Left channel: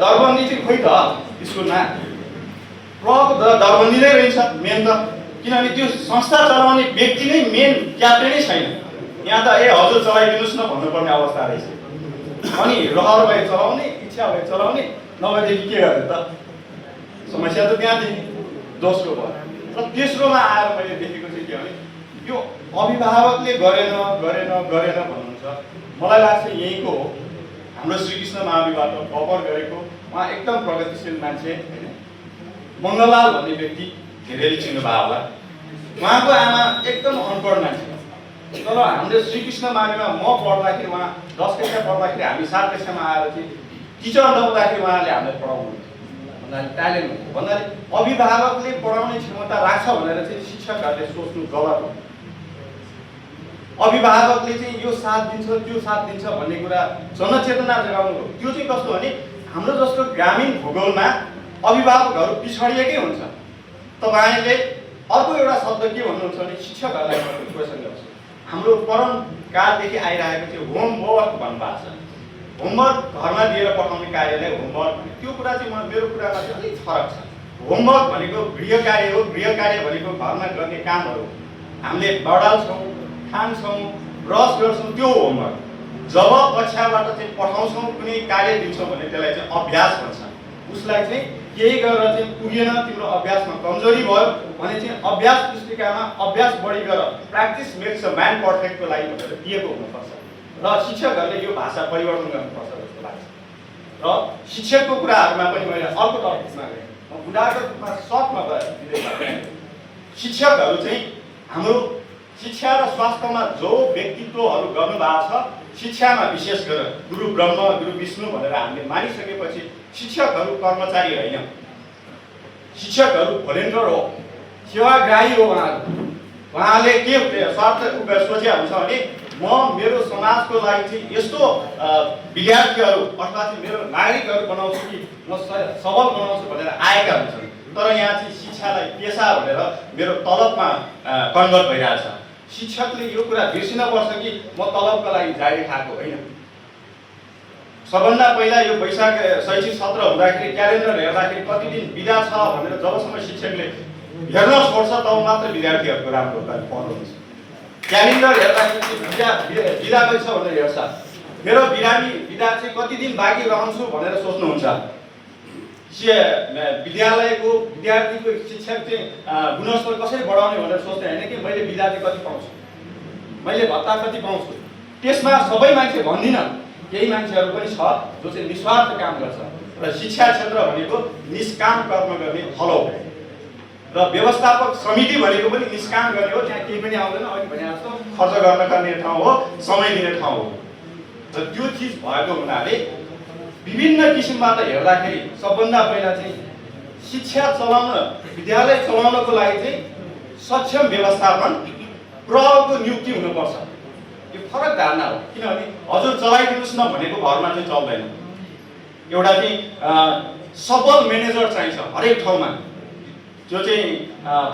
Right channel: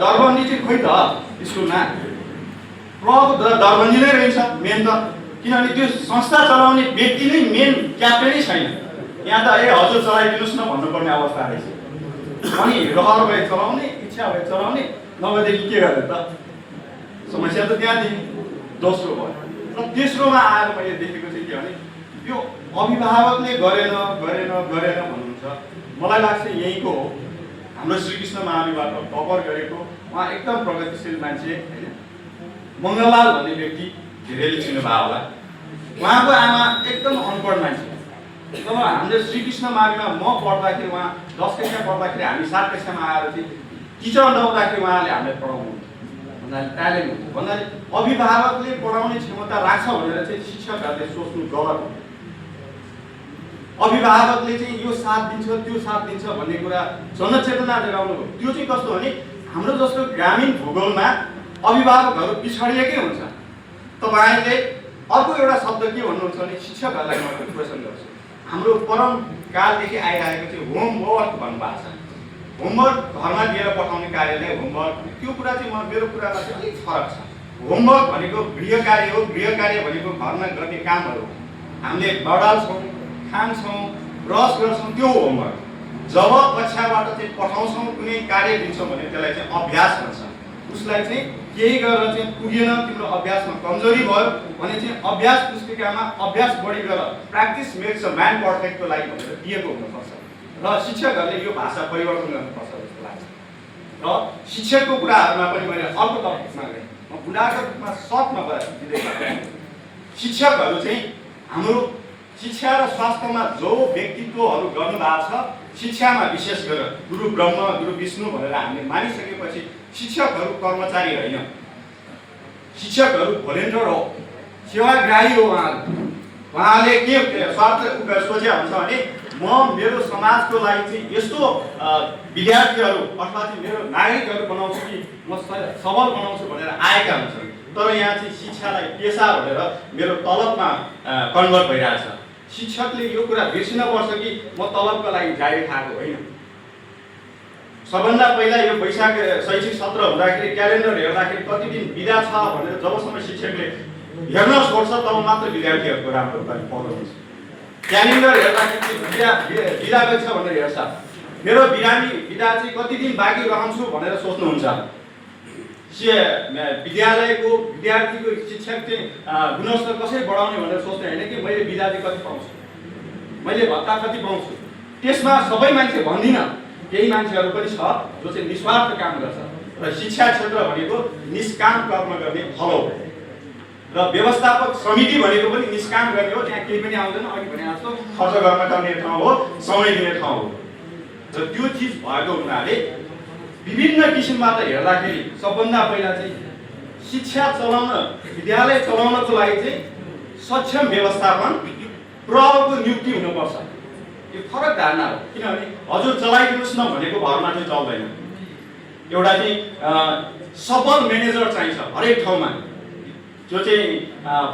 दरबन्दी चाहिँ खोइ त स्कुलमा प्रको दरबन्दी नै रहन्छ मेन त, किनभने त्यो संस्था चलाउने व्यक्ति नै मेन क्याप्टेनै छैन। यहाँ त हजुर चलाइदिनुहोस् न भन्नुपर्ने अवस्था रहेछ। अनि रहर भए चलाउने, इच्छा भए चलाउने, नभएदेखि के गर्ने त? समस्या त त्यहाँदेखि दोस्रो भयो। र तेस्रोमा आएर मैले देखेको चाहिँ के भने यो अभिभावकले गरेन भन्नुहुन्छ। मलाई लाग्छ यहीँको हो, हाम्रो श्रीकृष्ण महावीबाट कभर गरेको उहाँ एकदम प्रगतिशील मान्छे होइन, मङ्गललाल भन्ने व्यक्ति धेरैले चिन्नुभयो होला। उहाँको आमा एकदम अनपढ मान्छे, तर हामीले श्रीकृष्ण महावीरमा म पढ्दाखेरि उहाँ 10 कक्षा पढ्दाखेरि हामी 7 कक्षामा आएर चाहिँ टिचर नहुँदाखेरि उहाँले हामीलाई पढाउनुहुन्छ भन्नाले ट्यालेन्ट हुन्छ भन्नाले अभिभावकले पढाउने क्षमता राख्छ भनेर चाहिँ शिक्षकहरूले सोच्नु गलत हो। अभिभावकले चाहिँ यो साथ दिन्छ त्यो साथ दिन्छ भन्ने कुरा जनचेतना जगाउनु हो। त्यो चाहिँ कस्तो भने हाम्रो जस्तो ग्रामीण भूगोलमा अभिभावकहरू पिछडिएकै हुन्छ। तपाईँले अर्को एउटा शब्द के भन्नुहुन्छ भने शिक्षकहरूलाई म क्वेसन गर्छु। हाम्रो परम कालदेखि आइरहेको चाहिँ होमवर्क भन्नुभएको छ। होमवर्क घरमा दिएर पठाउने कार्यलाई होमवर्क, त्यो कुरा चाहिँ मेरो कुरामा चाहिँ अलिक फरक छ। होमवर्क भनेको गृह कार्य हो, गृह कार्य भनेको घरमा गर्ने कामहरू हामीले बढाल्छौँ, खान्छौँ, ब्रस गर्छौँ, त्यो होमवर्क। जब कक्षाबाट चाहिँ पठाउँछौँ, कुनै कार्य दिन्छौँ भने त्यसलाई चाहिँ अभ्यास भन्छ। उसलाई चाहिँ केही गरेर चाहिँ पुगेन, तिम्रो अभ्यासमा कमजोरी भयो भने चाहिँ अभ्यास पुस्तिकामा अभ्यास बढी गर, प्र्याक्टिस मेक्स अ म्यान पर्फेक्टको लागि भनेर दिएको हुनुपर्छ। र शिक्षकहरूले यो भाषा परिवर्तन गर्नुपर्छ जस्तो लाग्छ। र शिक्षकको कुराहरूमा पनि मैले अर्को टपिकमा गएँ, म बुढाको रूपमा सर्टमा दिँदै गएँ। शिक्षकहरू चाहिँ हाम्रो शिक्षा र स्वास्थ्यमा जो व्यक्तित्वहरू गर्नुभएको छ, शिक्षामा विशेष गरेर गुरु ब्रह्म गुरु विष्णु भनेर हामीले मानिसकेपछि शिक्षकहरू कर्मचारी होइन, शिक्षकहरू भोलिन्टियर हो, सेवाग्राही हो। उहाँले के स्वार्थ सोचे हुन्छ भने म मेरो समाजको लागि चाहिँ यस्तो विद्यार्थीहरू अथवा चाहिँ मेरो नागरिकहरू बनाउँछु कि म सबल बनाउँछु भनेर आएका हुन्छन्। तर यहाँ चाहिँ शिक्षालाई पेसा भनेर मेरो तलबमा कन्भर्ट भइरहेछ। शिक्षकले यो कुरा बिर्सिनुपर्छ कि म तलबको लागि जारी खाएको होइन। सबभन्दा पहिला यो वैशाख शैक्षिक सत्र हुँदाखेरि क्यालेन्डर हेर्दाखेरि कति दिन बिदा छ भनेर जबसम्म शिक्षकले हेर्न छोड्छ तब मात्र विद्यार्थीहरूको राम्रो पढ्नु हुन्छ। क्यालेन्डर हेर्दाखेरि बिदा गइछ भनेर हेर्छ, मेरो बिदा चाहिँ कति दिन बाँकी रहन्छु भनेर सोच्नुहुन्छ। विद्यालयको विद्यार्थीको शिक्षक चाहिँ गुणस्तर कसरी बढाउने भनेर सोच्ने होइन कि मैले बिदा चाहिँ कति पाउँछु, मैले भत्ता कति पाउँछु। त्यसमा सबै मान्छे भन्दिनँ, केही मान्छेहरू पनि छ जो चाहिँ निस्वार्थ काम गर्छ। र शिक्षा क्षेत्र भनेको निष्काम कर्म गर्ने हल हो। र व्यवस्थापक समिति भनेको पनि निष्काम गर्ने हो, त्यहाँ केही पनि आउँदैन। अघि भने जस्तो खर्च गर्न गर्ने ठाउँ हो, समय दिने ठाउँ हो। र त्यो चिज भएको हुनाले विभिन्न किसिमबाट हेर्दाखेरि सबभन्दा पहिला चाहिँ शिक्षा चलाउन, विद्यालय चलाउनको लागि चाहिँ सक्षम व्यवस्थापन प्रको नियुक्ति हुनुपर्छ। यो फरक धारणा हो, किनभने हजुर चलाइदिनुहोस् न भनेको भरमा चाहिँ चल्दैन। एउटा चाहिँ सबल म्यानेजर चाहिन्छ हरेक ठाउँमा, जो चाहिँ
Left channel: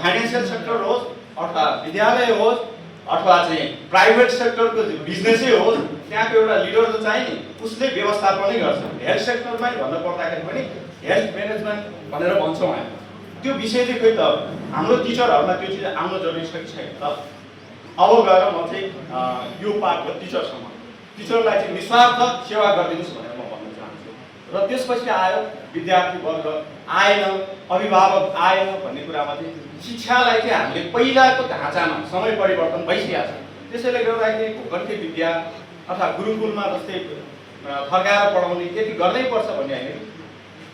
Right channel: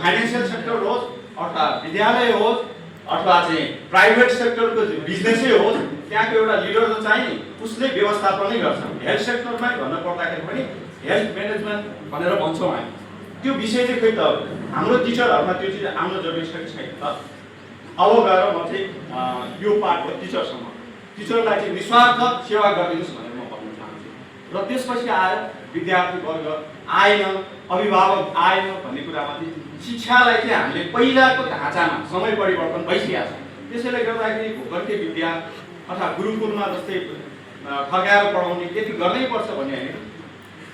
फाइनेन्सियल सेक्टर होस् अथवा विद्यालय होस् अथवा चाहिँ प्राइभेट सेक्टरको बिजनेसै होस्, त्यहाँको एउटा लिडर जो चाहिँ नि उसले व्यवस्थापनै गर्छ। हेल्थ सेक्टरमै भन्नु पर्दाखेरि पनि हेल्थ म्यानेजमेन्ट भनेर भन्छौँ हामी। त्यो विषय चाहिँ खोइ त हाम्रो टिचरहरूमा त्यो चिज आउनु जरुरी छ कि छैन त? अब गएर म चाहिँ यो पार्ट हो टिचरसँग, टिचरलाई चाहिँ निस्वार्थ सेवा गरिदिनुहोस् भनेर म भन्न चाहन्छु। र त्यसपछि आयो विद्यार्थी वर्ग आएन, अभिभावक आएन भन्ने कुरामा चाहिँ शिक्षालाई चाहिँ हामीले पहिलाको ढाँचामा समय परिवर्तन भइसकेको छ। त्यसैले गर्दाखेरि भूगर्भीय विद्या अथवा गुरुकुलमा जस्तै फर्काएर पढाउने यति गर्नैपर्छ भन्ने होइन।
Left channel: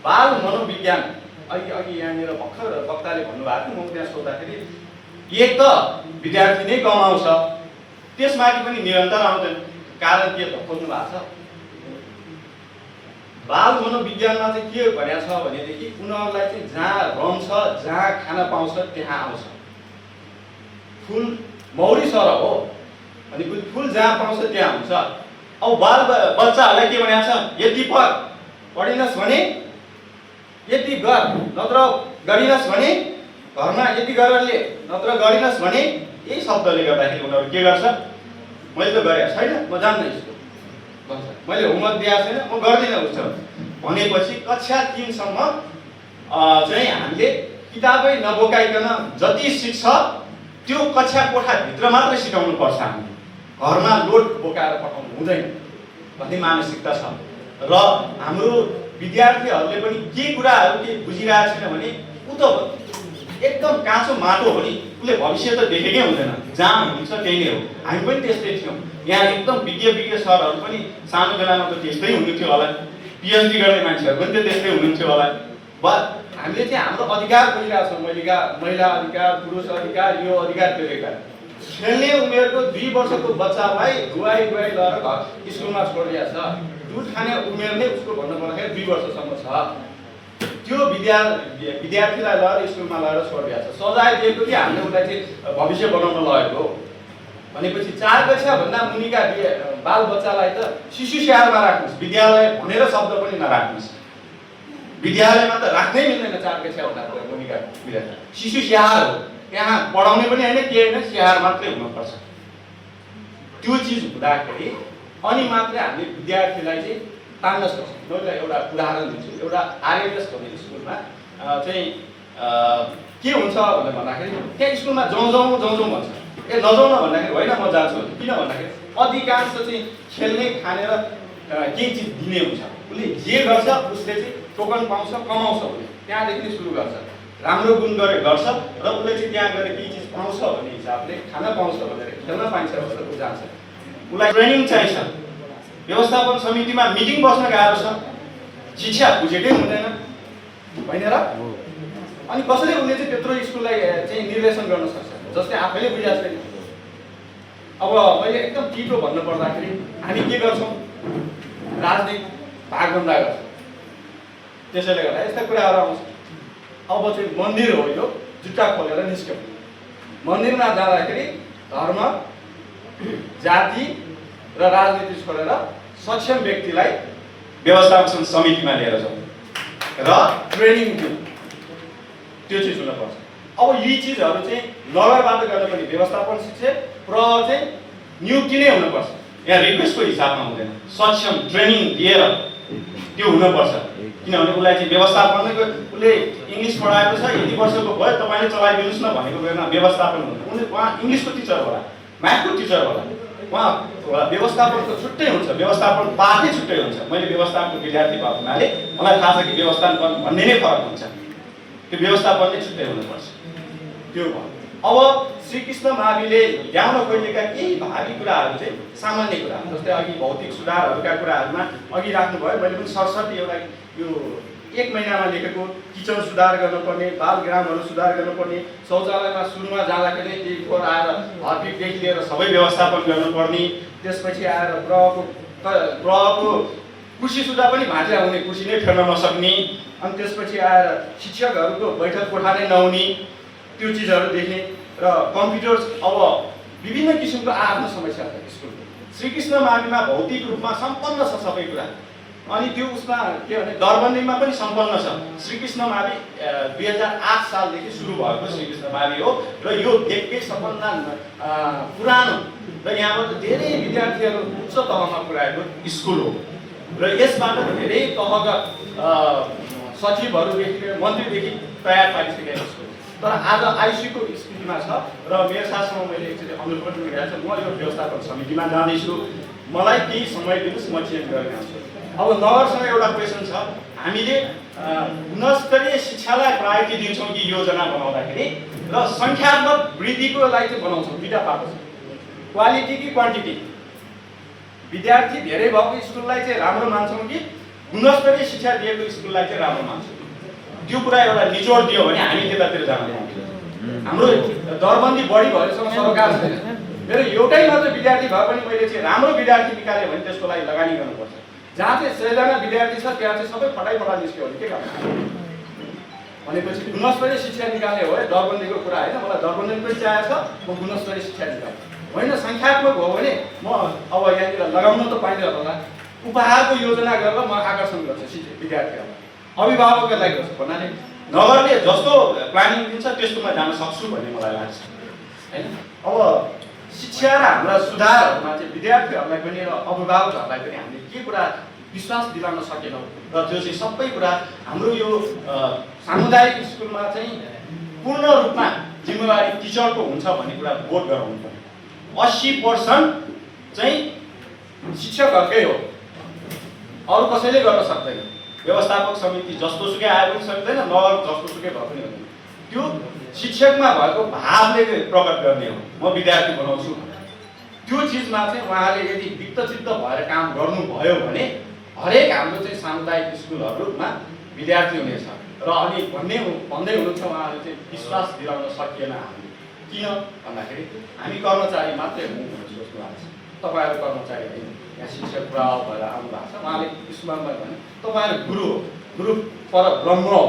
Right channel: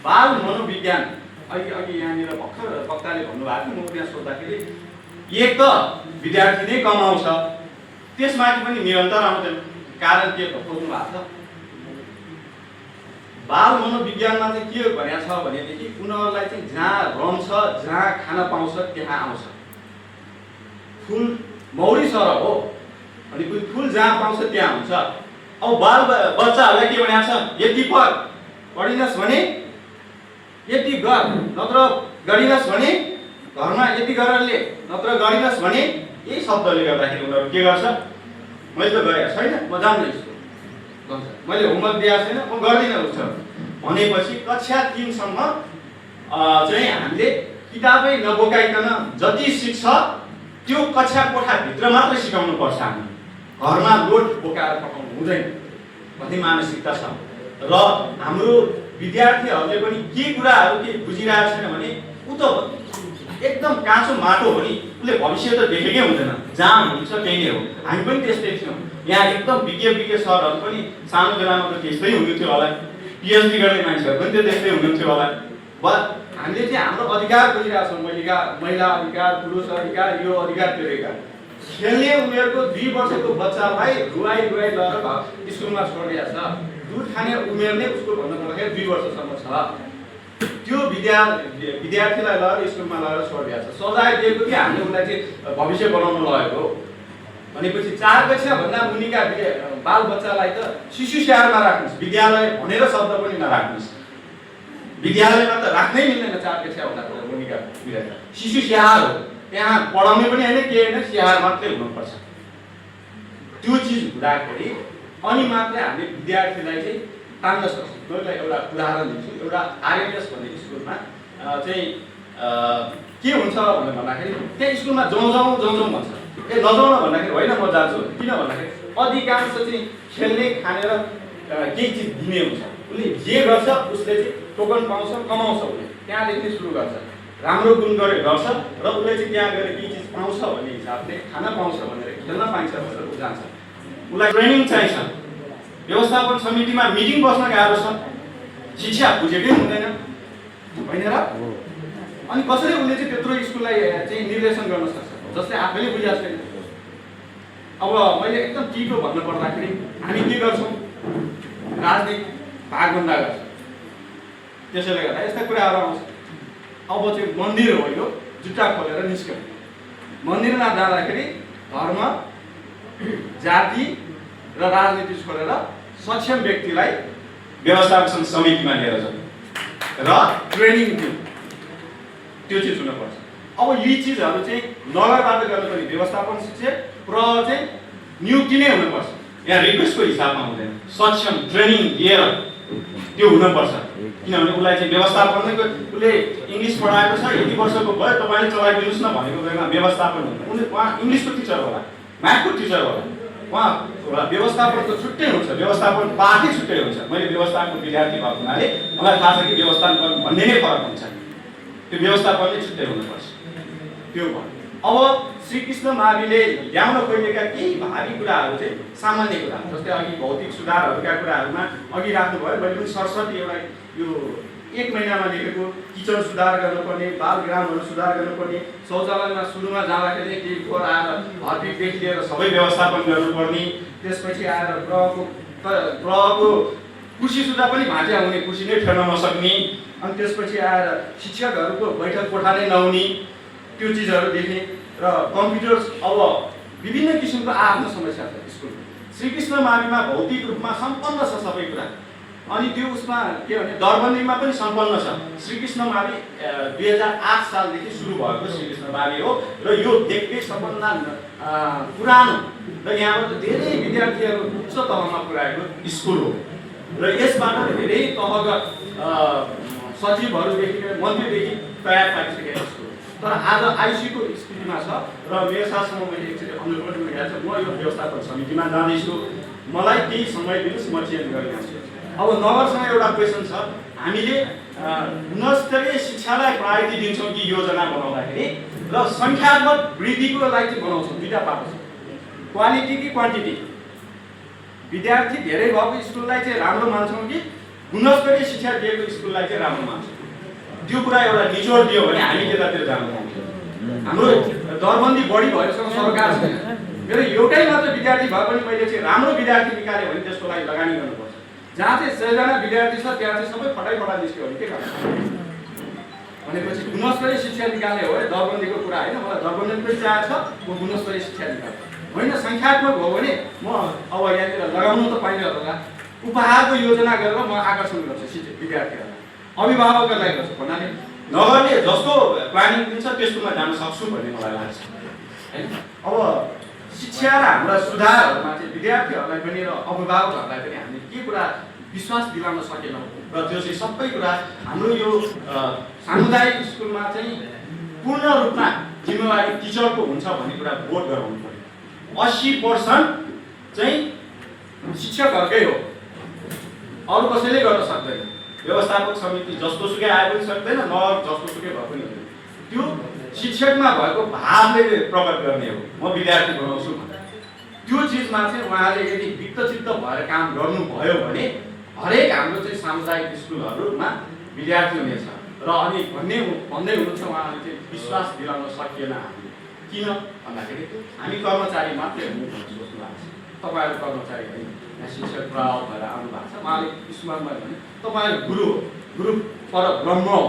बाल मनोविज्ञान अघि यहाँनिर भर्खर वक्ताले भन्नुभएको थियो, म त्यहाँ सोद्धाखेरि एक त विद्यार्थी नै कमाउँछ, त्यसमाथि पनि निरन्तर आउँदैन। कारण के त खोज्नु भएको छ? बाल मनोविज्ञानमा चाहिँ के भनेको छ भनेदेखि उनीहरूलाई चाहिँ जहाँ रम्छ, जहाँ खान पाउँछ त्यहाँ आउँछ। फुल मौरी सरह हो अनि फुल जहाँ पाउँछ त्यहाँ हुन्छ। अब बाल बच्चाहरूलाई के भनेको छ? यति पढ, पढिनस् भने यति गर, नत्र गरिनस् भने घरमा यति गरेर ले, नत्र गरिनस् भने यही शब्दले गर्दाखेरि उनीहरू के गर्छ? मैले त गरेको छैन, म जान्दैन यसको भन्छ। मैले होमवर्क दिएको छैन, म गर्दिनँ उसो। भनेपछि कक्षा 3 सम्म चाहिँ हामीले किताबै नबोकाइकन जति सिक्छ त्यो कक्षा कोठाभित्र मात्रै सिकाउनु पर्छ। हामीले घरमा लोड बोकाएर पठाउनु हुँदैन भन्ने मानसिकता छ र हाम्रो विद्यार्थीहरूले पनि के कुराहरू के बुझिरहेको छैन भने उ त एकदम काँचो माटो हो नि, उसले भविष्य त देखेकै हुँदैन, जहाँ हुन्छ त्यही नै हो। हामी पनि त्यस्तै थियौँ। यहाँ एकदम विज्ञ सरहरू पनि सानो बेलामा त त्यस्तै हुनुहुन्थ्यो होला, पिएचडी गर्ने मान्छेहरू पनि त्यो त्यस्तै हुनुहुन्थ्यो होला। हामीले चाहिँ हाम्रो अधिकार खोजिरहेको छौँ, महिला अधिकार, पुरुष अधिकार, यो अधिकार त्यो अधिकार। खेल्ने उमेरको 2 वर्षको बच्चालाई गुवाई लगाएर स्कुलमा छोडिदिएको छ। दुध खाने उमेर नै उसको भन्नुपर्दाखेरि 2 वर्षसम्म छ। त्यो विद्यार्थीलाई लगेर स्कुलमा लगेर छोडिदिएको छ। सजाय दिएको कि हामीले उसलाई चाहिँ भविष्य बनाउन लगेको भनेपछि 4 कक्षाभन्दा मुनिका बाल बच्चालाई त शिशु स्याहारमा राख्नुहोस्, विद्यालय भनेर शब्द पनि नराख्नुहोस्। विद्यालयमा त राख्नै मिल्दैन 4 कक्षाभन्दा मुनिका विद्यार्थी। शिशु स्याहार हो, त्यहाँ पढाउने पनि होइन, के होइन, स्याहार मात्रै हुनुपर्छ। त्यो चिज हुँदाखेरि अनि मात्रै हामीले विद्यार्थीलाई चाहिँ तान्न सक्छौँ। मैले एउटा उदाहरण दिन्छु। एउटा आरएनएस भन्ने स्कुलमा चाहिँ के हुन्छ भनेर भन्दाखेरि त्यहाँ स्कुलमा जाउँ भन्छ। नजाउन भन्दाखेरि होइन म जान्छु, किन भन्दाखेरि अधिकांश चाहिँ खेल्ने खानेर केही चिज दिने हुन्छ। उसले जे गर्छ उसले चाहिँ टोकन पाउँछ, कमाउँछ। उसले त्यहाँदेखि नै सुरु गर्छ, राम्रो गुण गर्छ र उसले चाहिँ त्यहाँ गएर केही चिज पाउँछ भन्ने हिसाबले, खाना पाउँछ भनेर, खेल्न पाइन्छ भनेर ऊ जान्छ। उसलाई ट्रेनिङ चाहिन्छ। व्यवस्थापन समितिमा मिटिङ बस्न गाह्रो छ, शिक्षा बुझेकै हुँदैन होइन र? अनि कसरी उसले चाहिँ त्यत्रो स्कुललाई चाहिँ निर्देशन गर्न सक्छ जस्तै आफैले बुझे जस्तै। अब मैले एकदम टिटो भन्नु पर्दाखेरि हामी के गर्छौँ, राजनीतिक भागभन्दा गर्छौँ। त्यसैले गर्दा यस्ता कुराहरू आउँछ। अब चाहिँ मन्दिर हो, यो जुत्ता खोलेर निस्क्यौँ। मन्दिरमा जाँदाखेरि धर्म, जाति र राजनीति छोडेर सक्षम व्यक्तिलाई व्यवस्थापन समितिमा लिएर जाउँ र ट्रेनिङ दिउँ। त्यो चिज हुनुपर्छ। अब यी चिजहरू चाहिँ नगरबाट गर्नुपर्ने व्यवस्थापन शिक्षक र चाहिँ नियुक्ति नै हुनुपर्छ। यहाँ रिक्वेस्टको हिसाबमा हुँदैन, सक्षम ट्रेनिङ दिएर त्यो हुनुपर्छ। किनभने उसलाई चाहिँ व्यवस्थापनको उसले इङ्ग्लिस पढाएको छ, यति वर्षको भयो, तपाईँले चलाइदिनुहोस् न भनेको बेलामा व्यवस्थापन हुन्छ। उहाँ इङ्ग्लिसको टिचर होला, म्याथको टिचर होला, उहाँ व्यवस्थापनको छुट्टै हुन्छ, व्यवस्थापन पाठै छुट्टै हुन्छ। मैले व्यवस्थापनको विद्यार्थी भएको हुनाले मलाई थाहा छ कि व्यवस्थापन भन्ने नै फरक हुन्छ। त्यो व्यवस्थापन नै छुट्टै हुनुपर्छ। त्यो भयो। अब श्रीकृष्ण माविले ल्याउन खोजेका केही भावी कुराहरू चाहिँ सामान्य कुरा, जस्तै अघि भौतिक सुधारहरूका कुराहरूमा अघि राख्नुभयो। मैले पनि सरस्वती एउटा यो 1 महिनामा लेखेको किचन सुधार गर्नुपर्ने, बालग्रामहरू सुधार गर्नुपर्ने, शौचालयमा सुरुमा जाँदाखेरि केही फोहोर आएर हर्पिकदेखि लिएर सबै व्यवस्थापन गर्नुपर्ने, त्यसपछि आएर ग्रहको कुर्सी सुधा पनि भाँच्या हुने, कुर्सी नै फेर्न नसक्ने, अनि त्यसपछि आएर शिक्षकहरूको बैठक कोठा नै नहुने, त्यो चिजहरू देखेँ। र कम्प्युटर, अब विभिन्न किसिमको आफ्नो समस्या छ स्कुलको। श्रीकृष्ण माविमा भौतिक रूपमा सम्पन्न छ सबै कुरा। अनि त्यो उसमा के भने दरबन्दीमा पनि सम्पन्न छ। श्रीकृष्ण मावि 2008 सालदेखि सुरु भएको श्रीकृष्ण मावि हो र यो देशकै सबभन्दा पुरानो र यहाँबाट धेरै विद्यार्थीहरू उच्च तहमा पुर्याएको स्कुल हो र यसबाट धेरै तहका सचिवहरूदेखि लिएर मन्त्रीदेखि तयार पारिसकेको स्कुल। तर आज आइसीयूको स्थितिमा छ र मेरो साथसँग मैले एकचोटि अनुरोध पनि गरेको छु, म यो व्यवस्थापन समितिमा जाँदैछु, मलाई केही समय दिनुहोस्, म चेन्ज गरेर आउँछु। अब नगरसँग एउटा क्वेसन छ, हामीले गुणस्तरीय शिक्षालाई प्रायोरिटी दिन्छौँ कि योजना बनाउँदाखेरि र सङ्ख्यात्मक वृद्धिको लागि चाहिँ बनाउँछौँ। दुईवटा पाएको छ, क्वालिटी कि क्वान्टिटी। विद्यार्थी धेरै भएको स्कुललाई चाहिँ राम्रो मान्छौँ कि गुणस्तरीय शिक्षा दिएको स्कुललाई चाहिँ राम्रो मान्छौँ? त्यो कुरा एउटा निचोड दियो भने हामी त्यतातिर जाँदैनौँ। हाम्रो दरबन्दी बढी भएसँग सरकार छैन। मेरो एउटै मात्र विद्यार्थी भए पनि मैले चाहिँ राम्रो विद्यार्थी निकाल्यो भने त्यसको लागि लगानी गर्नुपर्छ। जहाँ चाहिँ 100 जना विद्यार्थी छ त्यहाँ चाहिँ सबै फटाइ निस्क्यो भने के गर्नु भनेपछि गुणस्तरीय शिक्षा निकाल्ने हो। दरबन्दीको कुरा होइन, मलाई दरबन्दी पनि चाहिएको छ, म गुणस्तरीय शिक्षा निकाल्छु होइन। सङ्ख्यात्मक हो भने म अब यहाँनिर लगाउनु त पाइन्छ होला, उपहारको योजना गरेर म आकर्षण गर्छु विद्यार्थीहरूलाई, अभिभावकहरूलाई गर्छु भन्नाले नगरले जस्तो प्लानिङ दिन्छ त्यस्तोमा जान सक्छु भन्ने मलाई लाग्छ होइन। अब शिक्षा र हाम्रा सुधारहरूमा चाहिँ विद्यार्थीहरूलाई पनि र अभिभावकहरूलाई पनि हामीले के कुरा विश्वास दिलाउन सकेनौँ र त्यो चाहिँ सबै कुरा हाम्रो यो सामुदायिक स्कुलमा चाहिँ पूर्ण रूपमा जिम्मेवारी टिचरको हुन्छ भन्ने कुरा बोध गराउनु पर्यो। 80% चाहिँ शिक्षकहरूकै हो, अरू कसैले गर्न सक्दैन। व्यवस्थापक समिति जस्तो सुकै आए पनि सक्दैन, नगर जस्तो सुकै भए पनि हुँदैन। त्यो शिक्षकमा भएको भावले प्रकट गर्ने हो, म विद्यार्थी बनाउँछु भन्ने। त्यो चिजमा चाहिँ उहाँले यदि दिक्तचित्त भएर काम गर्नुभयो भने हरेक हाम्रो चाहिँ सामुदायिक स्कुलहरूमा विद्यार्थी हुनेछ। र अनि भन्दै हुनुहुन्छ उहाँले चाहिँ विश्वास दिलाउन सकिएन हामीले। किन भन्दाखेरि हामी कर्मचारी मात्रै हौँ भनेर सोच्नु भएको छ। तपाईँहरू कर्मचारी होइन, यहाँ शिक्षक प्रभाव भएर आउनु भएको छ। उहाँले स्कुलमा भने तपाईँहरू गुरु हो, गुरु पर ब्रह्म हो,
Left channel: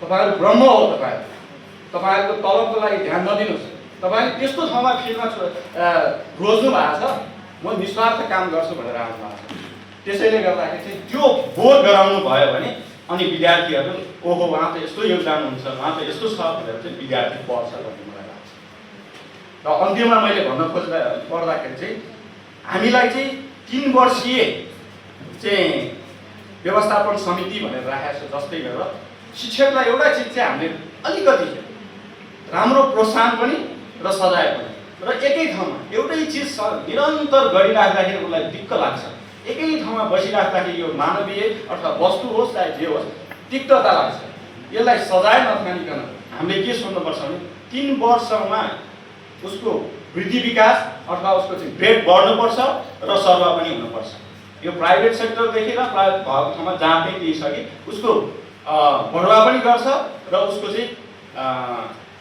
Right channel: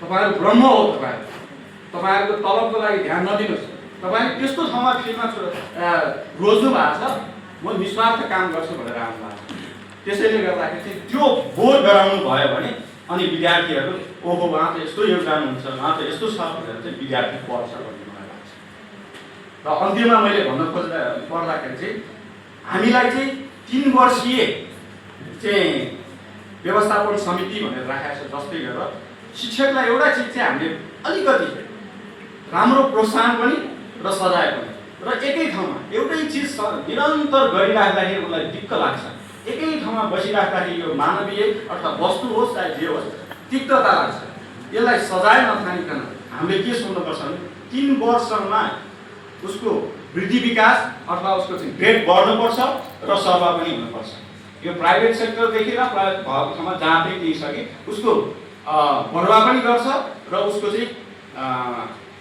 तपाईँहरू ब्रह्म हो। तपाईँहरूको तलबको लागि ध्यान नदिनुहोस्। तपाईँले त्यस्तो ठाउँमा फिल्डमा रोज्नु भएको छ, म निस्वार्थ काम गर्छु भनेर आउनु भएको छ। त्यसैले गर्दाखेरि चाहिँ त्यो बोध गराउनु भयो भने अनि विद्यार्थीहरू ओहो उहाँ त यस्तो योगदान हुन्छ, उहाँ त यस्तो छ भनेर चाहिँ विद्यार्थी पढ्छ भन्ने मलाई लाग्छ। र अन्त्यमा मैले भन्न पर्दाखेरि चाहिँ हामीलाई चाहिँ 3 वर्षीय चाहिँ व्यवस्थापन समिति भनेर राखेको छ। जस्तै गरेर शिक्षकलाई एउटा चिज चाहिँ हामीले अलिकति राम्रो प्रोत्साहन पनि र सजाय पनि, र एकै ठाउँमा एउटै चिज निरन्तर गरिराख्दाखेरि उसलाई दिक्क लाग्छ। एकै ठाउँमा बसिराख्दाखेरि यो मानवीय अथवा वस्तु होस् चाहे जे होस् तिक्तता लाग्छ। यसलाई सजाय नठानिकन हामीले के सोध्नुपर्छ भने 3 वर्षमा उसको वृद्धि विकास अथवा उसको चाहिँ ग्रेड बढ्नुपर्छ र सरुवा पनि हुनुपर्छ। यो प्राइभेट सेक्टरदेखि र प्राइभेट भएको ठाउँमा जहाँ पनि केही छ कि उसको बढुवा पनि गर्छ र उसको चाहिँ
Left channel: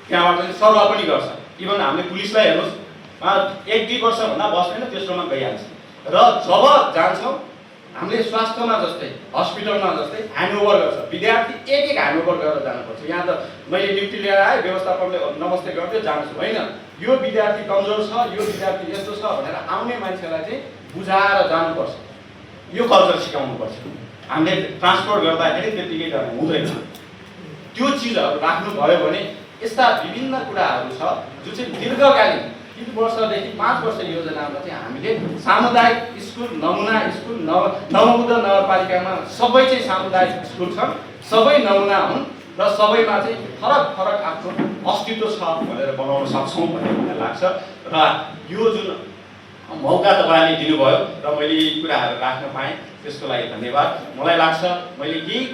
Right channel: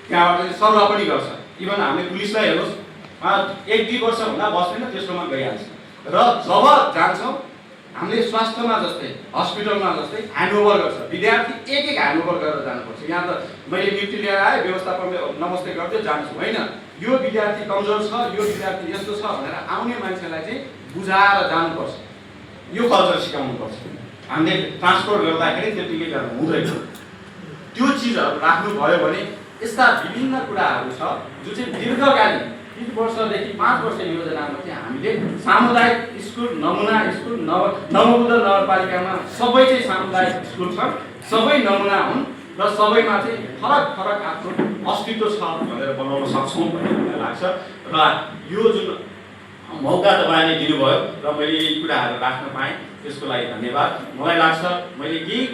त्यहाँबाट चाहिँ सरुवा पनि गर्छ। इभन हामीले पुलिसलाई हेर्नुहोस्, 1-2 वर्षभन्दा बस्दैन, तेस्रोमा गइहाल्छ। र जब जान्छौँ हामीले स्वास्थ्यमा जस्तै हस्पिटलमा जस्तै ह्यान्डओभर गर्छ। विद्यार्थी एक ह्यान्डओभर गरेर जानुपर्छ। यहाँ त मैले नियुक्ति लिएर आएँ, व्यवस्थापनले नमस्ते गर्दै जान्छु होइन। यो विद्यार्थी कमजोर छ, यो विद्यार्थी यस्तो छ भनेर आउने मान्छेलाई चाहिँ बुझाएर जानुपर्छ। यो कल्चर सिकाउनुपर्छ। हामीले ट्रान्सपोर्ट गर्दाखेरि त्यतिकै गर्नु हुँदैन। त्यो चिजहरू राख्नुभयो भने यस्ता विभिन्न कुराहरू छ जो चाहिँ दीर्घकालीन 3 वर्षदेखि 5 वर्ष योजनामा चाहिँ हामीले सामुदायिक स्कुल, नमुना स्कुल, नवबुद्ध नगरपालिकामा सबै चाहिँ सामुदायिक स्कुल छन्, सबै नमुना हुन् र सबैमा चाहिँ फरक फरक आफ्नो अस्तित्व छ भनेर बनाउन सक्छौँ भन्ने मलाई लाग्छ। र यो जुन मौका तपाईँले दिनुभयो र मैले यी कुराहरू राख्न पाएँ त्यसको लागि धन्यवाद। मलाई लाग्छ मैले यही